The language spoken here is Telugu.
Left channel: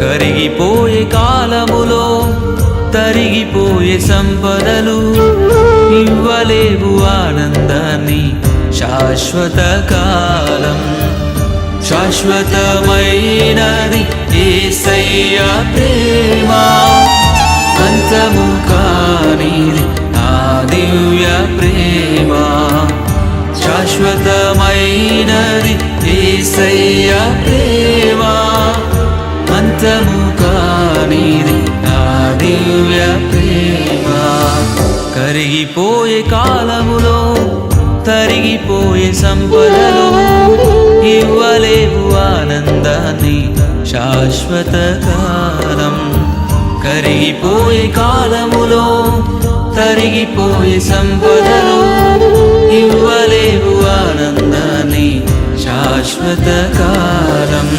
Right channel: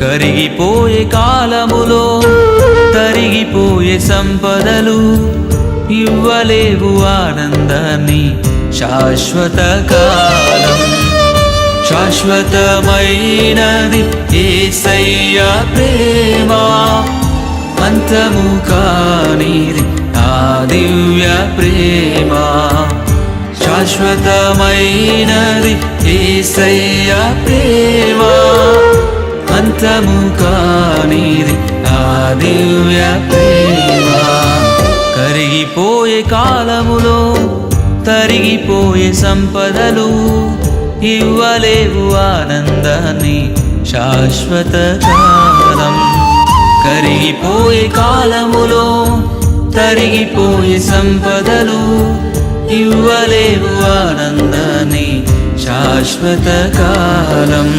కరిగిపోయే కాలములో తరిగిపోయే సంపదలు ఇవ్వలేవు ఆనందాన్ని శాశ్వత కాలం. శాశ్వతమైనది యేసయ్య ప్రేమ, అంతము కానిది ఆ దివ్య ప్రేమ. శాశ్వతమైనది యేసయ్య ప్రేమ, అంతము కానిది ఆ దివ్య ప్రేమ. కరిగిపోయే కాలములో తరిగిపోయే సంపదలు ఇవ్వలేవు ఆనందాన్ని శాశ్వత కాలం. కరిగిపోయే కాలములో తరిగిపోయే సంపదలు ఇవ్వలేవు ఆనందాన్ని శాశ్వత కాలం.